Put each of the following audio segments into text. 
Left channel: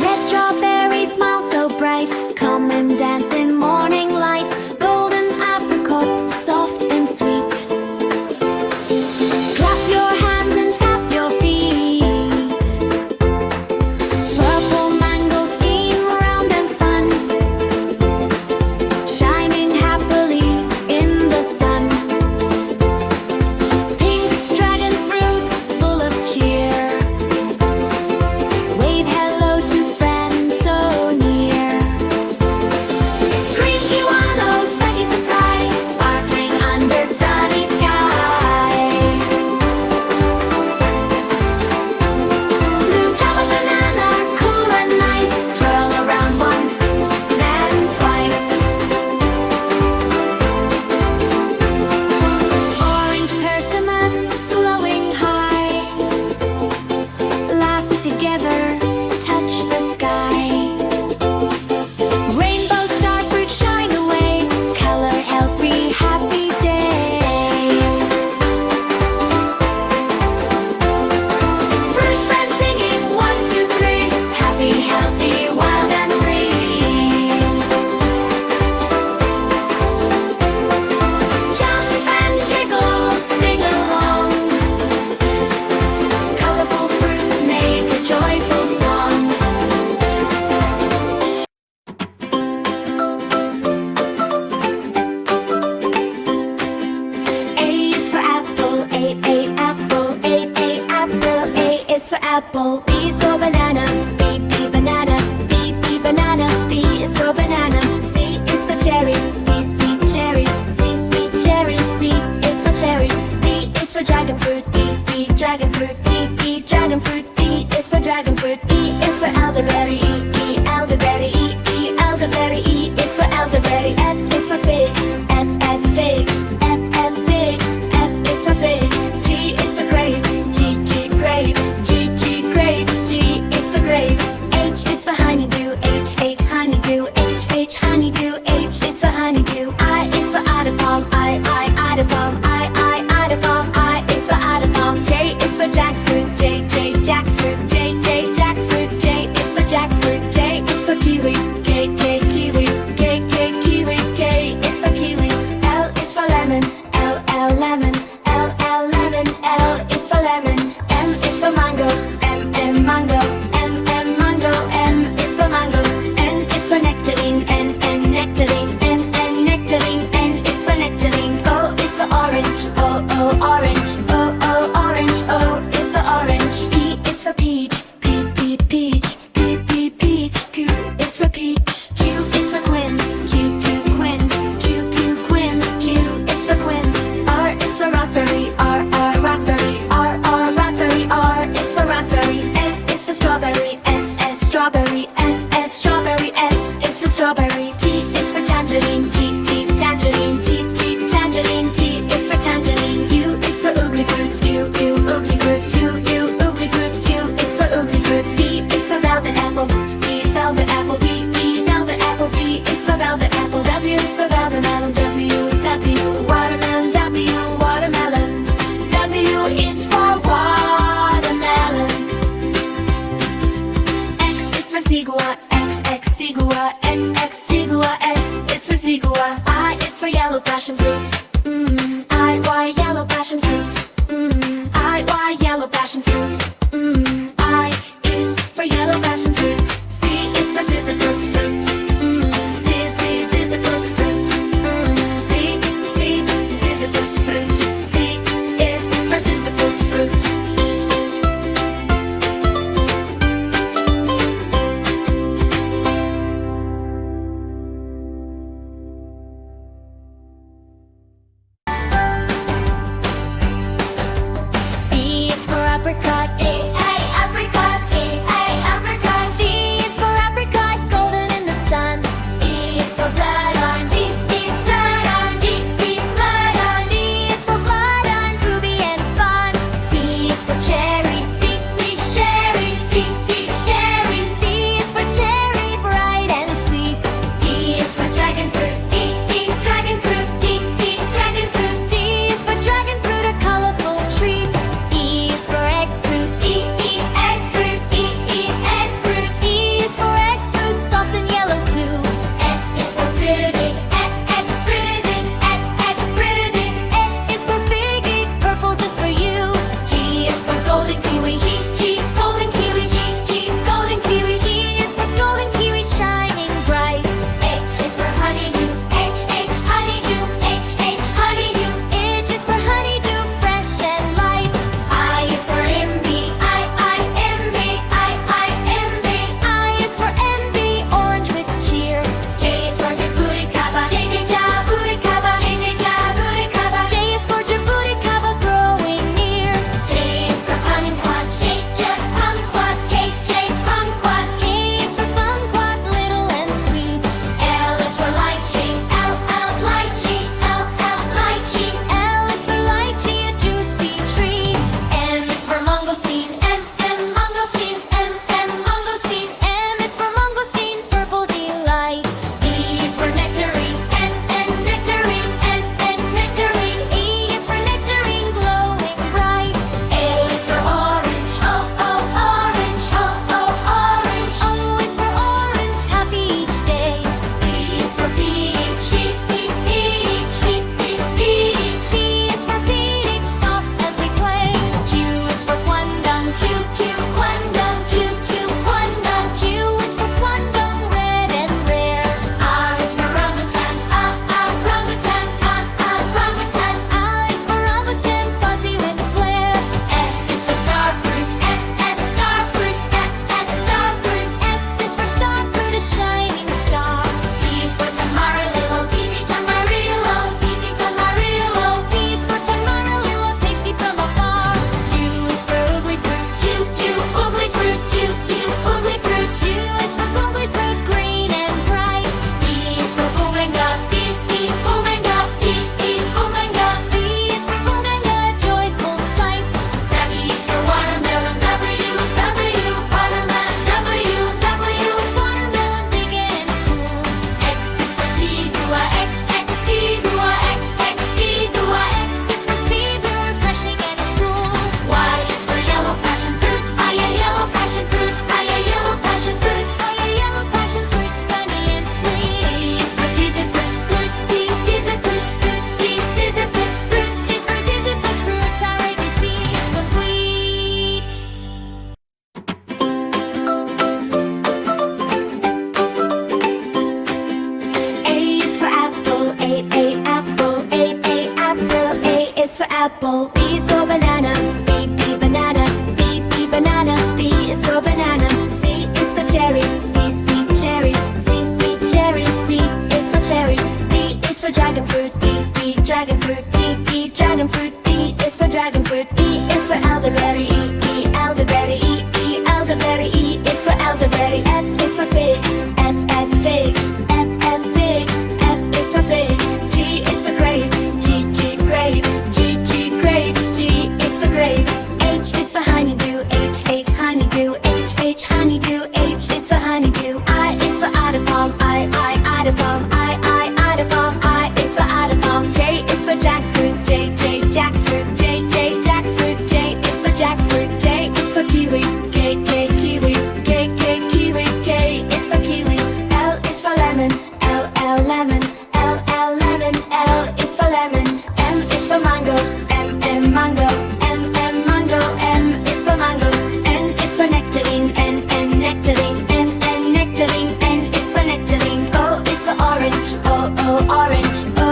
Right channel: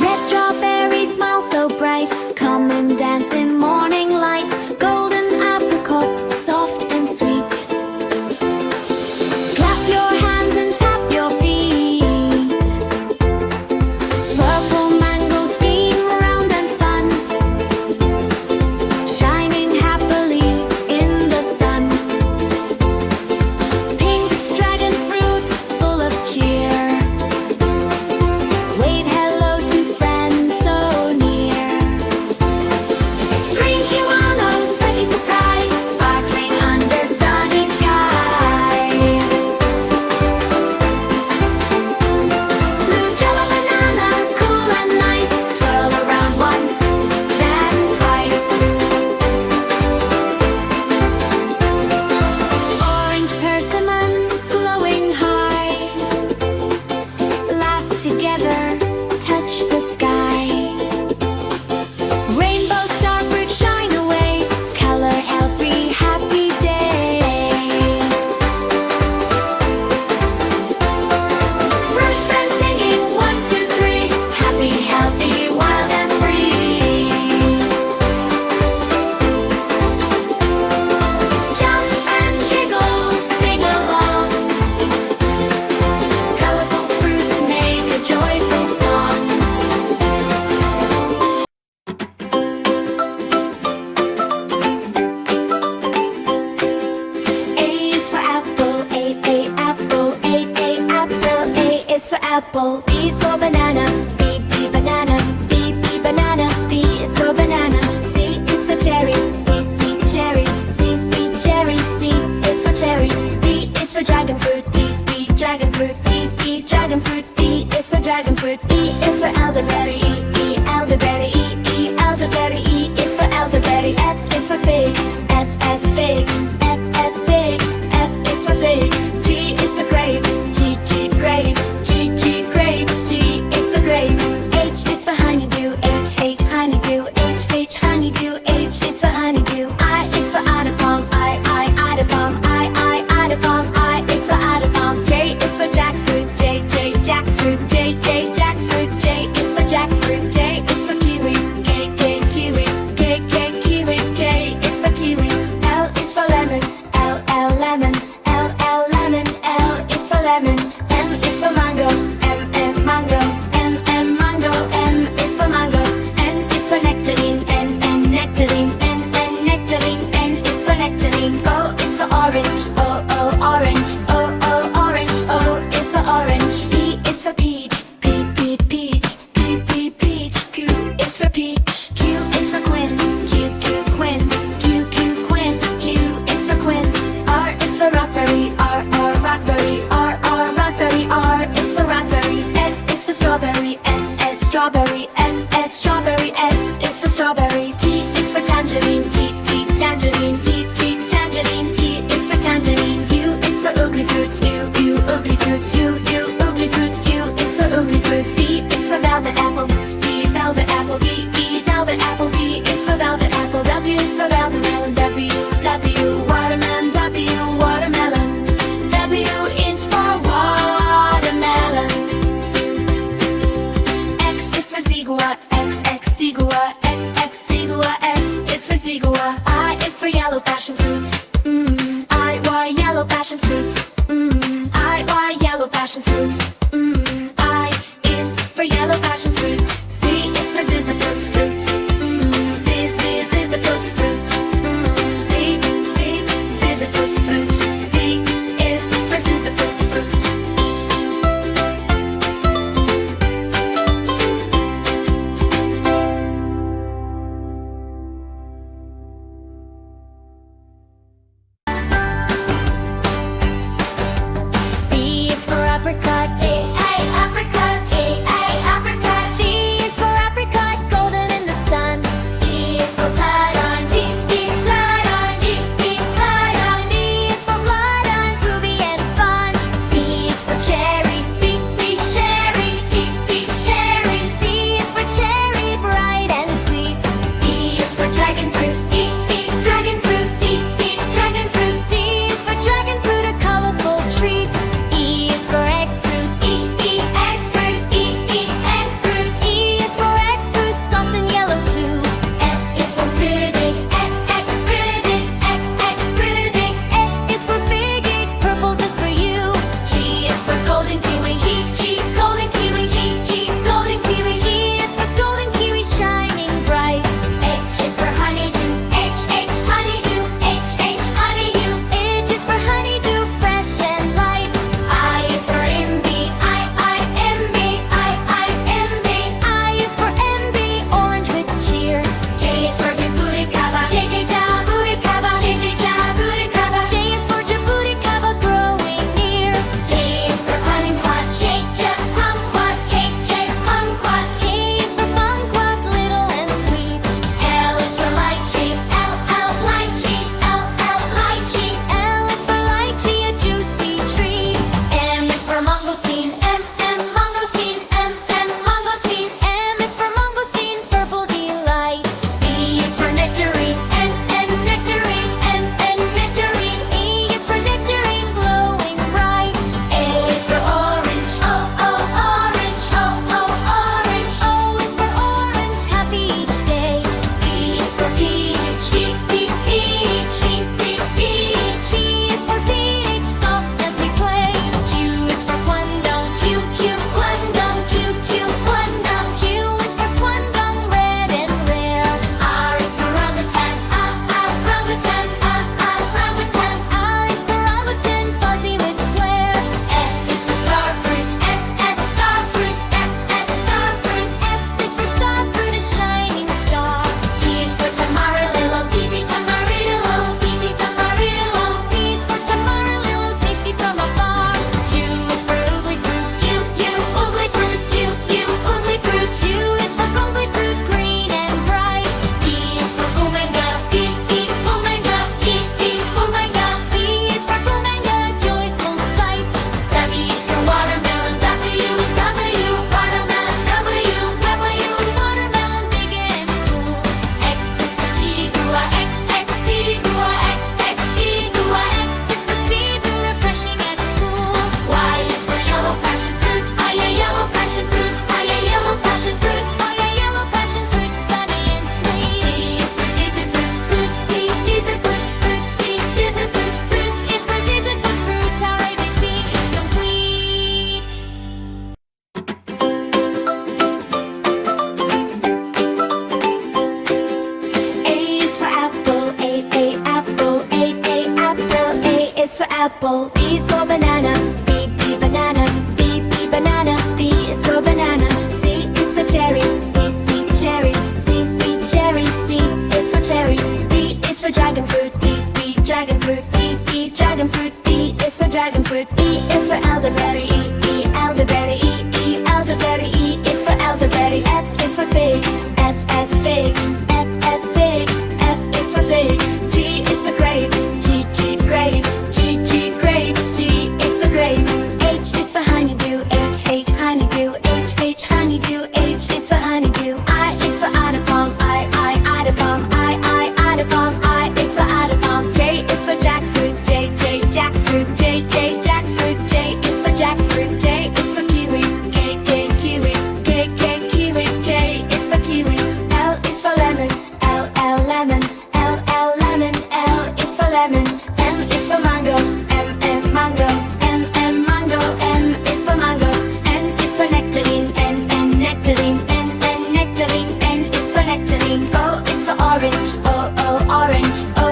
Red strawberry, smile so bright, come and dance in morning light. Golden apricot, soft and sweet. Clap your hands and tap your feet. Purple mangosteen, round and fun, shining happily in the sun. Pink dragon fruit, full of cheer. Wave hello to friends so near. Green kiwano, specky surprise, sparkling under sunny skies. Blue java banana, cool and nice, twirl around once, then twice. Orange persimmon, glowing high, laugh together, touch the sky. Rainbow star fruit, shine away, color every happy day. Fruit friends singing, 1, 2, 3, happy, healthy, wild and free. Jump and jiggle, sing along, colorful fruits make a joyful song. A is for apple, A apple, A apple, A is for apple. B is for banana, B banana, B banana, B is for banana. C is for cherry, C cherry, C cherry, C is for cherry. D is for dragon fruit, D dragon fruit, D dragon fruit, D is for dragon fruit. E is for elderberry, E elderberry, E elderberry, E is for elderberry. F is for fig, F fig, F fig, F is for fig. G is for grapes, G grapes, G grapes, G is for grapes. H is for honeydew, H honeydew, H honeydew, H is for honeydew. I is for Idapalm, I Idapalm, I Idapalm, I is for Idapalm. J is for jackfruit, J jackfruit, J jackfruit, J is for jackfruit. J is for kiwi, K kiwi, K kiwi, K is for kiwi. L is for lemon, L lemon, L lemon, L is for lemon. M is for mango, M mango, M mango, M is for mango. N is for nectarine, N nectarine, N nectarine, N is for nectarine. O is for orange, O orange, O orange, O is for orange. P is for peach, P peach, P peach, Q is for peach. Q is for quince, Q quince, Q quince, Q is for quince. R is for raspberry, R raspberry, R raspberry, R is for raspberry. S is for strawberry, S strawberry, S strawberry, S is for strawberry. T is for tangerine, T tangerine, T tangerine, T is for tangerine. U is for ugly fruit, U ugly fruit, U ugly fruit, U is for ugly fruit. V is for velvet apple, V velvet apple, V velvet apple, V is for velvet apple. W is for velvet melon, W watermelon, W watermelon, W is for watermelon. X is for zigua, X zigua, X zigua, S is for zigua. I is for yellow passion fruit, I yellow passion fruit, I yellow passion fruit, I is for yellow passion fruit. C is for sisyphus fruit, C sisyphus fruit, C sisyphus fruit, C is for sisyphus fruit. Apricot, apricot, apricot. G is for apricot, golden in the sun. E is for blood orange, blood orange, blood orange. D is for blood orange, ruby and fun. C is for cherry, cherry, cherry. C is for cherry, bright and sweet. D is for dragon fruit, dragon fruit, dragon fruit. D is for dragon fruit, a colorful treat. E is for egg fruit, kwandong. Q, Q, kwandong. Q, Q, kwandong. Q is for kwandong, red and rare. R is for rambutan. Rambutan. Rambutan. I is for rambutan, fuzzy with flair. S is for star fruit. Star fruit. Star fruit. S is for star fruit, a shining star. T is for tamarillo. T, tamarillo. T, tamarillo. T is for tamarillo, tasty from afar. U is for ugly fruit. U, ugly fruit. U, ugly fruit. U is for googly fruit, green and bright. V is for pumanga. V, pumanga. T, pumanga. T is for pumanga, joyful sight. W is for watermelon. W, watermelon. W, watermelon, big and cool. X is for seagua. X, seagua. X, seagua. X is for seagull, refreshing at school. Y is for yellow passion fruit. Yellow passion fruit. Yellow passion fruit. Yellow passion fruit, sunny and sweet. Z is for ziziphus fruit. Z, ziziphus fruit. Z, ziziphus fruit is for ziziphus fruit. Our ABC is complete. A is for apple. A, apple. A, apple. A is for apple. B is for banana. B, banana. B, banana. B is for banana. C is for cherry. C, cherry. C, cherry. C is for cherry. D is for dragon fruit. D, dragon fruit. D, dragon fruit. D is for dragon fruit. E is for elderberry. E, elderberry. E, elderberry. E is for elderberry. F is for fig. F, fig. F, fig. F is for fig. G is for grapes. G, grapes. G, grapes. G is for grapes. H is for honeydew. H, honeydew. H, honeydew. H is for honeydew. I is for Idapalm. I, Idapalm. I, Idapalm. I is for Idapalm. J is for jackfruit. J, jackfruit. J, jackfruit. J is for jackfruit. J is for kiwi. K, kiwi. K, kiwi. K is for kiwi. L is for lemon. L, lemon. L, lemon. L is for lemon. M is for mango. M, mango. M, mango. M is for mango. N is for nectarine. N, nectarine. N, nectarine. N is for nectarine. O is for orange. O, orange. O,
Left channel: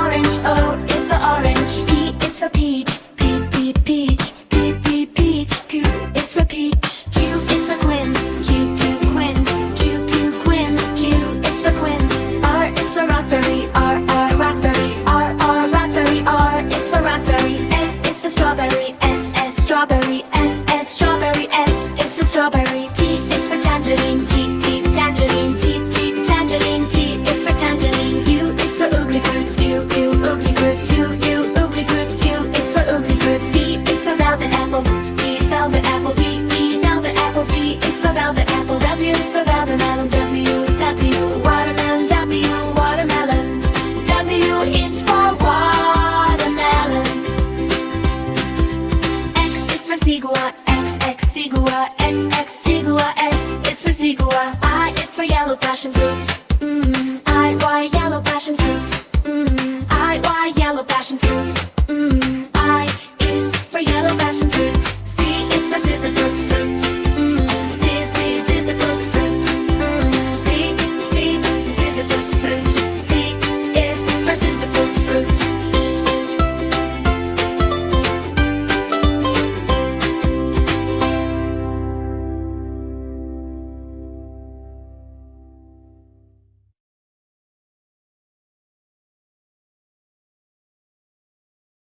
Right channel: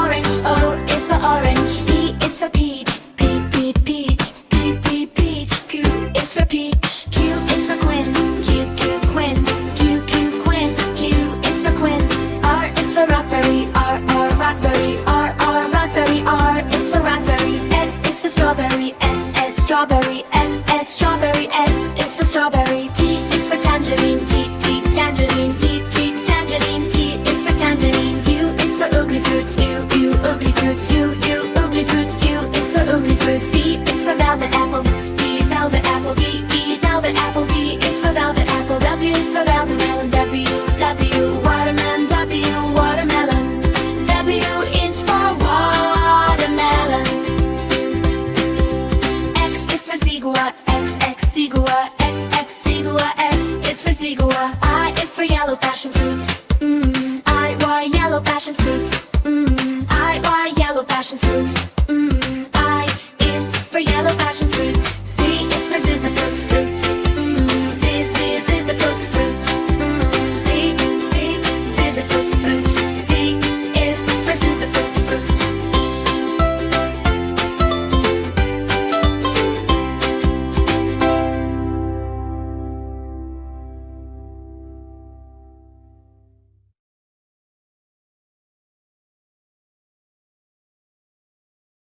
orange. O is for orange. P is for peach. P, peach. P, peach. Q is for peach. Q is for quince. Q, quince. Q, quince. Q is for quince. R is for raspberry. R, raspberry. R, raspberry. R is for raspberry. S is for strawberry. S, strawberry. S, strawberry. S is for strawberry. T is for tangerine. T, tangerine. T, tangerine. T is for tangerine. U is for ugly fruit. U, ugly fruit. U, ugly fruit. U is for ugly fruit. V is for velvet apple. V, velvet apple. V, velvet apple. V is for velvet apple. W is for velvet melon. W, watermelon. W, watermelon. W is for watermelon. X is for seagua. X, seagua. X, seagua. S is for seagua. I is for yellow passion fruit. I, yellow passion fruit. I, yellow passion fruit.